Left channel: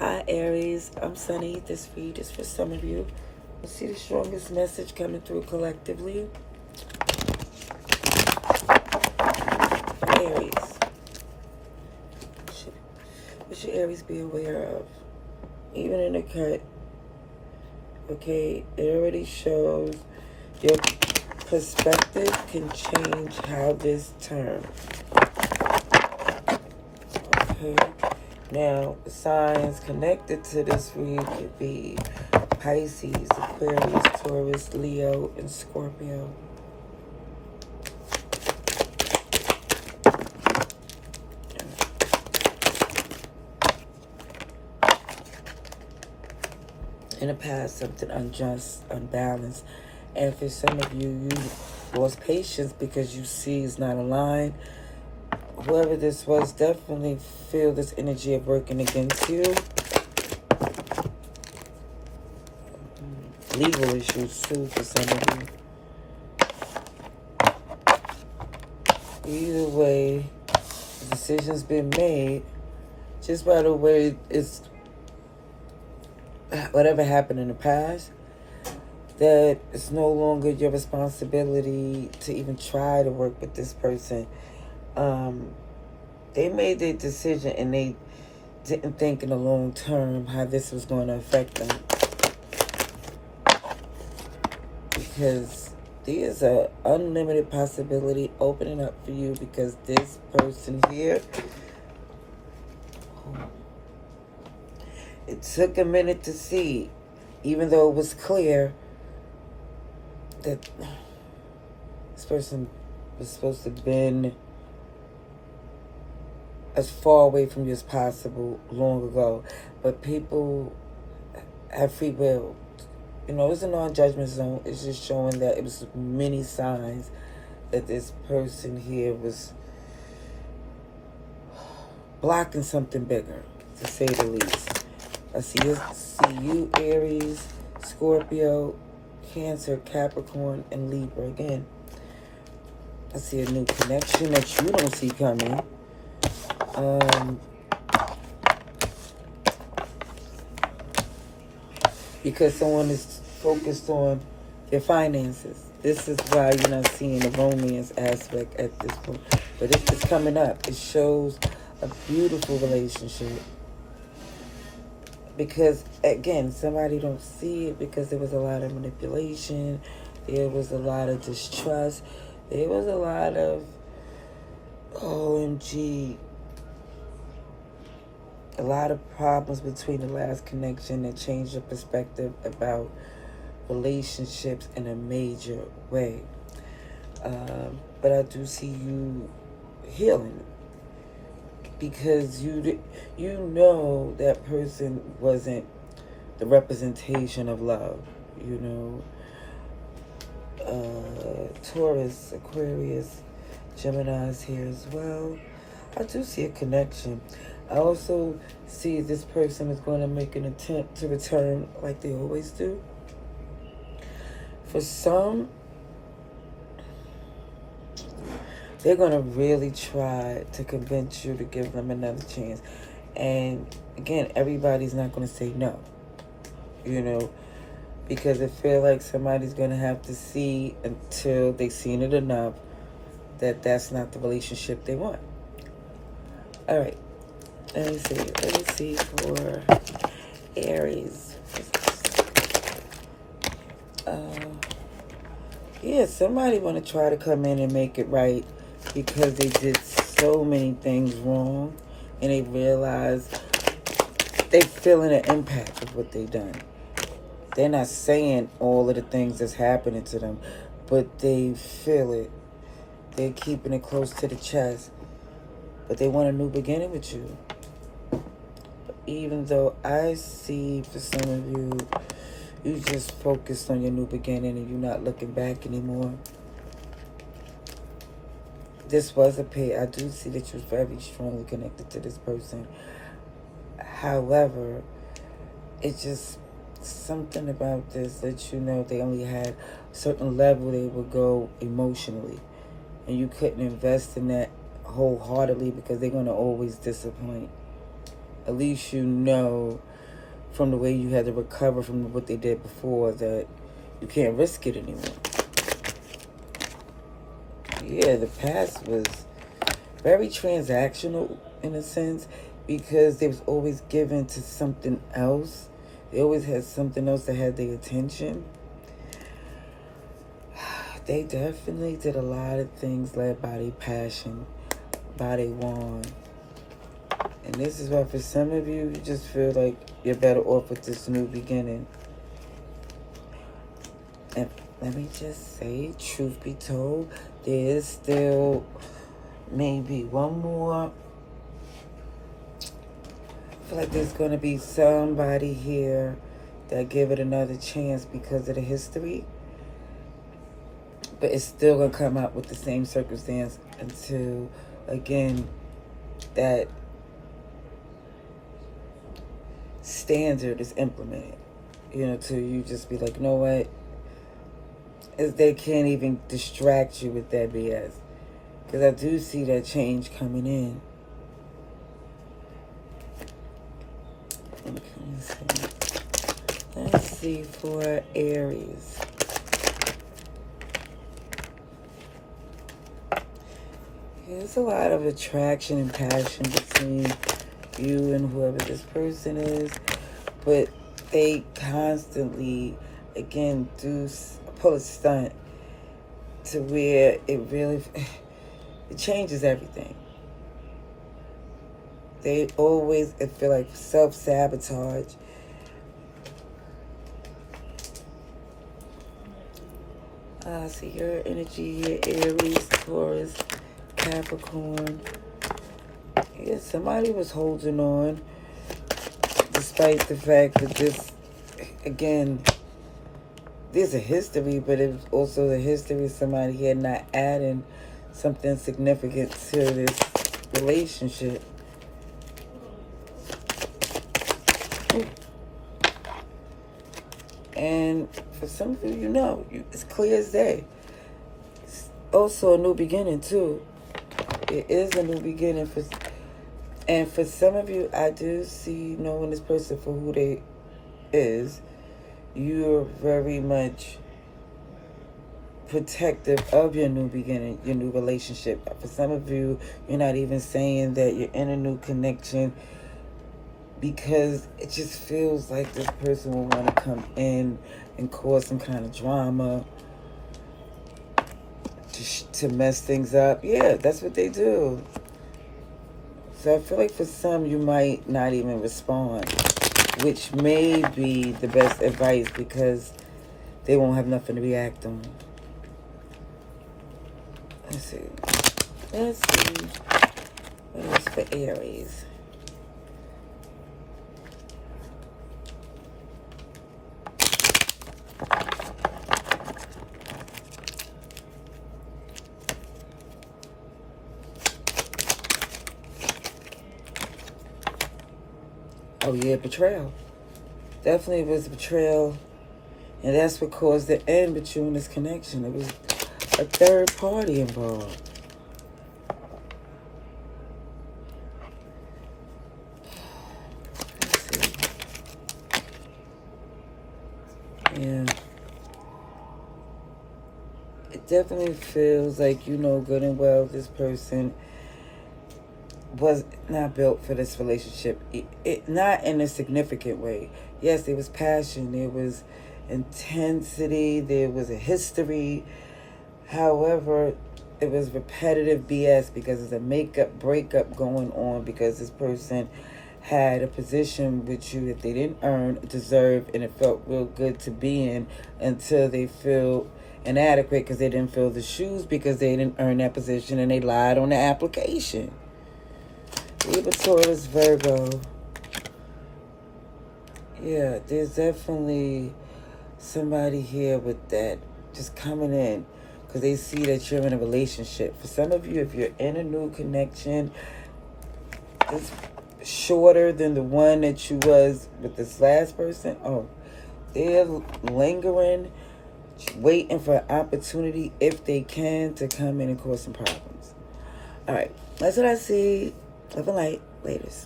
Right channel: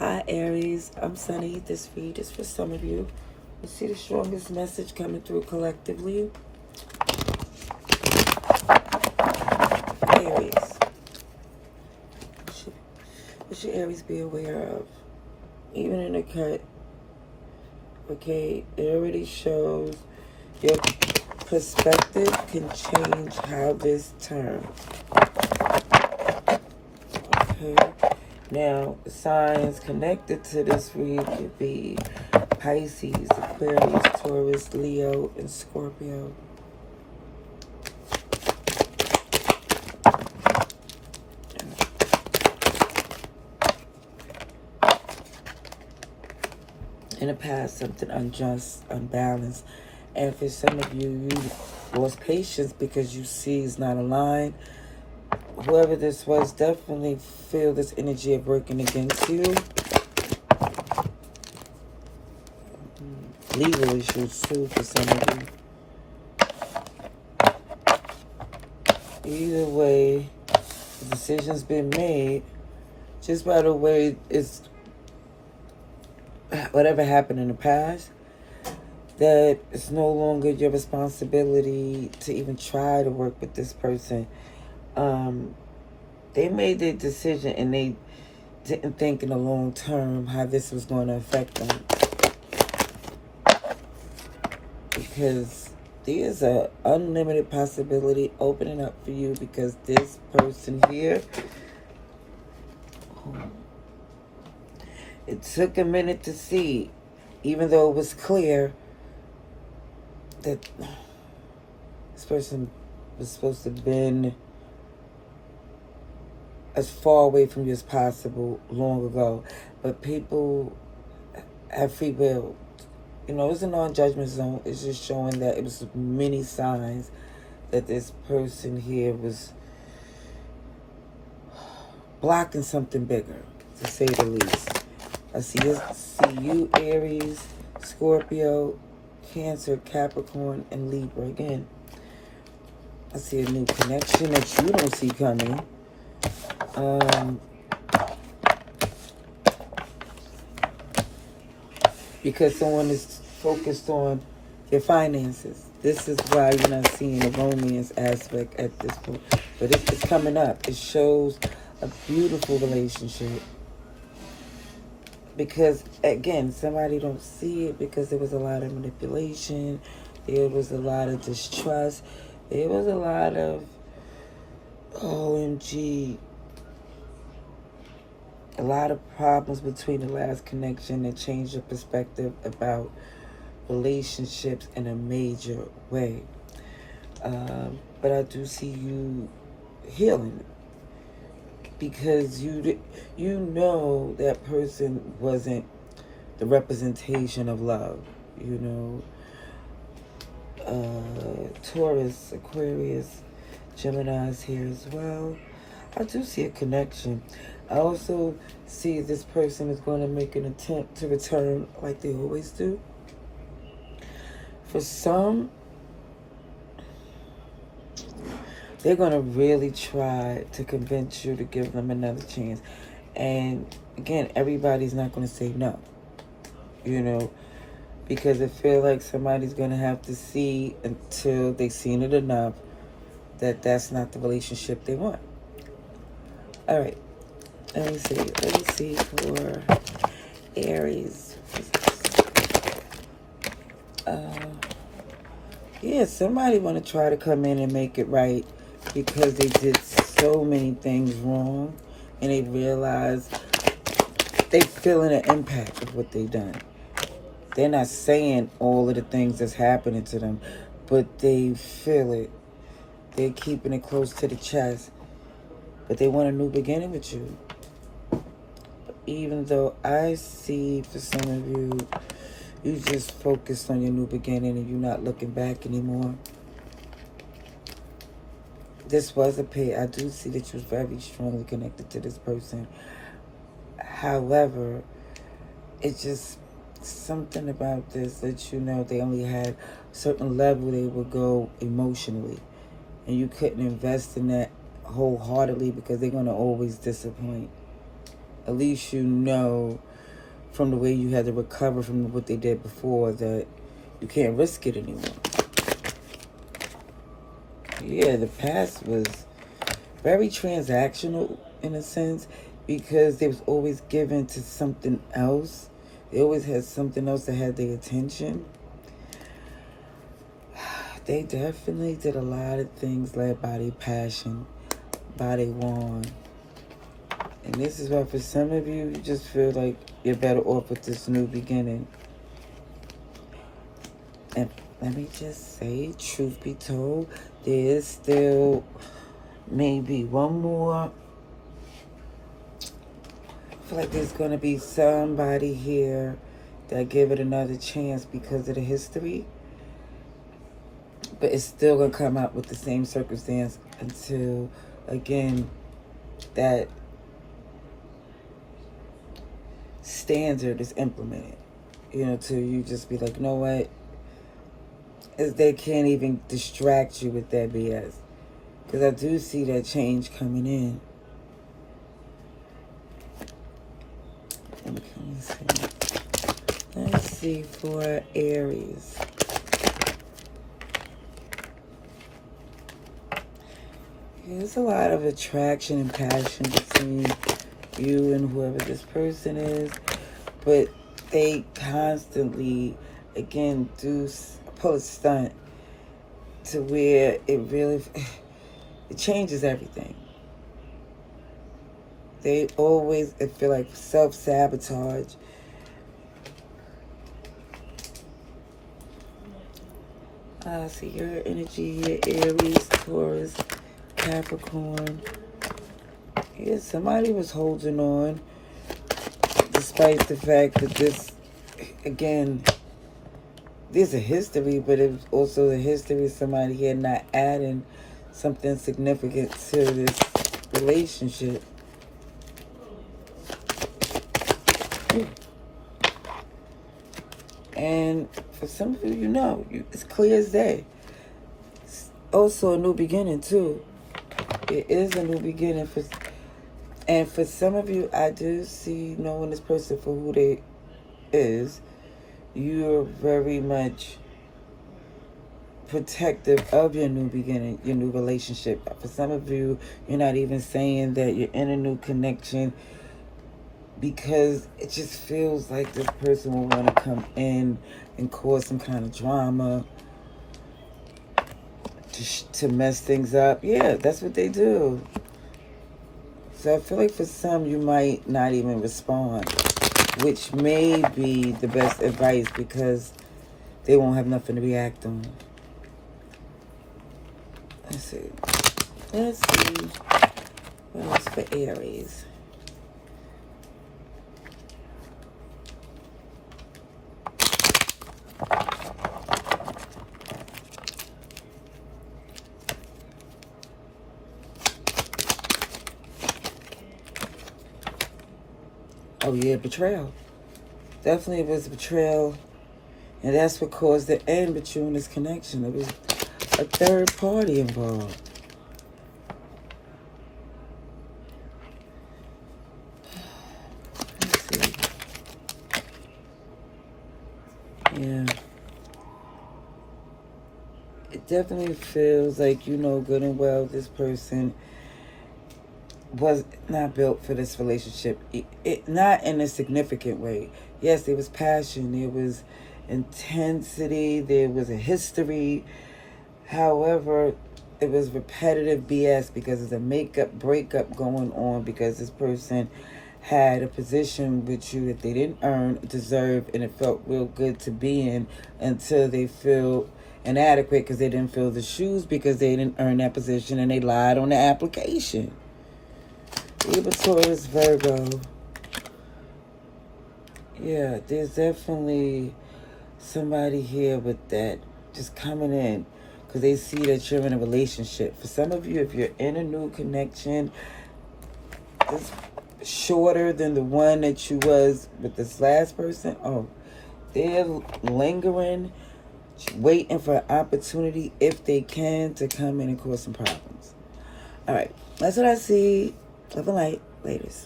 Hi Aries, I'm Sunny. This read is for some of you. Let's see the strongest message coming through collectively. Aries. What should Aries be aware of? Even in the cut, okay, it already shows your perspective can change how this turns. Okay. Now, the signs connected to this read could be Pisces, Aquarius, Taurus, Leo, and Scorpio. In the past, something unjust, unbalanced, and for some of you, you lost patience because you see it's not aligned. Whoever this was, definitely feel this energy of working against you. Legal issues too for some of you. Either way, the decision's been made. Just by the way, it's whatever happened in the past, that it's no longer your responsibility to even try to work with this person. They made their decision and they didn't think in the long term how this was going to affect them. Because there's an unlimited possibility opening up for you, because this person here, it took a minute to see, even though it was clear that this person was supposed to have been as far away from you as possible long ago. But people have free will. You know, it's a non-judgment zone. It's just showing that it was many signs that this person here was blocking something bigger, to say the least. I see you, Aries, Scorpio, Cancer, Capricorn, and Libra again. I see a new connection that you don't see coming. Because someone is focused on their finances. This is why you're not seeing the romance aspect at this point. But it's coming up. It shows a beautiful relationship. Because, again, somebody don't see it because there was a lot of manipulation. There was a lot of distrust. There was a lot of, OMG, a lot of problems between the last connection that changed your perspective about relationships in a major way. But I do see you healing, because you know that person wasn't the representation of love. You know, Taurus, Aquarius, Gemini's here as well. I do see a connection. I also see this person is going to make an attempt to return like they always do. For some, they're going to really try to convince you to give them another chance. And again, everybody's not going to say no, you know, because I feel like somebody's going to have to see until they've seen it enough that that's not the relationship they want. All right. Let me see for Aries. Yeah, somebody want to try to come in and make it right because they did so many things wrong, and they realize they feeling the impact of what they done. They're not saying all of the things that's happening to them, but they feel it. They're keeping it close to the chest, but they want a new beginning with you. Even though I see for some of you, you just focused on your new beginning and you're not looking back anymore. This was a pair. I do see that you're very strongly connected to this person. However, it's just something about this that you know they only had a certain level they would go emotionally. And you couldn't invest in that wholeheartedly because they're going to always disappoint. at least you know from the way you had to recover from what they did before that you can't risk it anymore. Yeah, the past was very transactional in a sense because they was always given to something else. They always had something else that had their attention. They definitely did a lot of things led by their passion, by their want. And this is why for some of you, you just feel like you're better off with this new beginning. And let me just say, truth be told, there is still maybe one more. I feel like there's going to be somebody here that give it another chance because of the history. But it's still going to come out with the same circumstance until, again, that standard is implemented. You know, till you just be like, you know what? They can't even distract you with that BS. Because I do see that change coming in. Okay, so let's see for Aries. There's a lot of attraction and passion between you and whoever this person is. But they constantly, again, do pull a stunt to where it really, it changes everything. They always, I feel like, self-sabotage. See your energy here, Aries, Taurus, Capricorn. Yeah, somebody was holding on despite the fact that this, again, there's a history, but it was also the history of somebody here not adding something significant to this relationship. And for some of you, you know, it's clear as day. It's also a new beginning, too. It is a new beginning. And for some of you, I do see knowing this person for who they is. You're very much protective of your new beginning, your new relationship. For some of you, you're not even saying that you're in a new connection because it just feels like this person will want to come in and cause some kind of drama to mess things up. Yeah, that's what they do. So I feel like for some, you might not even respond, which may be the best advice because they won't have nothing to react on. Let's see. What else for Aries? Oh yeah, betrayal. Definitely was betrayal. And that's what caused the end between this connection. It was a third party involved. Let's see. Yeah. It definitely feels like you know good and well this person was not built for this relationship. It not in a significant way. Yes, there was passion, there was intensity, there was a history. However, it was repetitive BS because there's a breakup going on because this person had a position with you that they didn't earn, deserve, and it felt real good to be in until they feel inadequate because they didn't fill the shoes because they didn't earn that position and they lied on the application. Libra, Taurus, Virgo. Yeah, there's definitely somebody here with that just coming in because they see that you're in a relationship. For some of you, if you're in a new connection, it's shorter than the one that you was with this last person. Oh, they're lingering, waiting for an opportunity if they can to come in and cause some problems. All right, that's what I see. Love and light. Laters.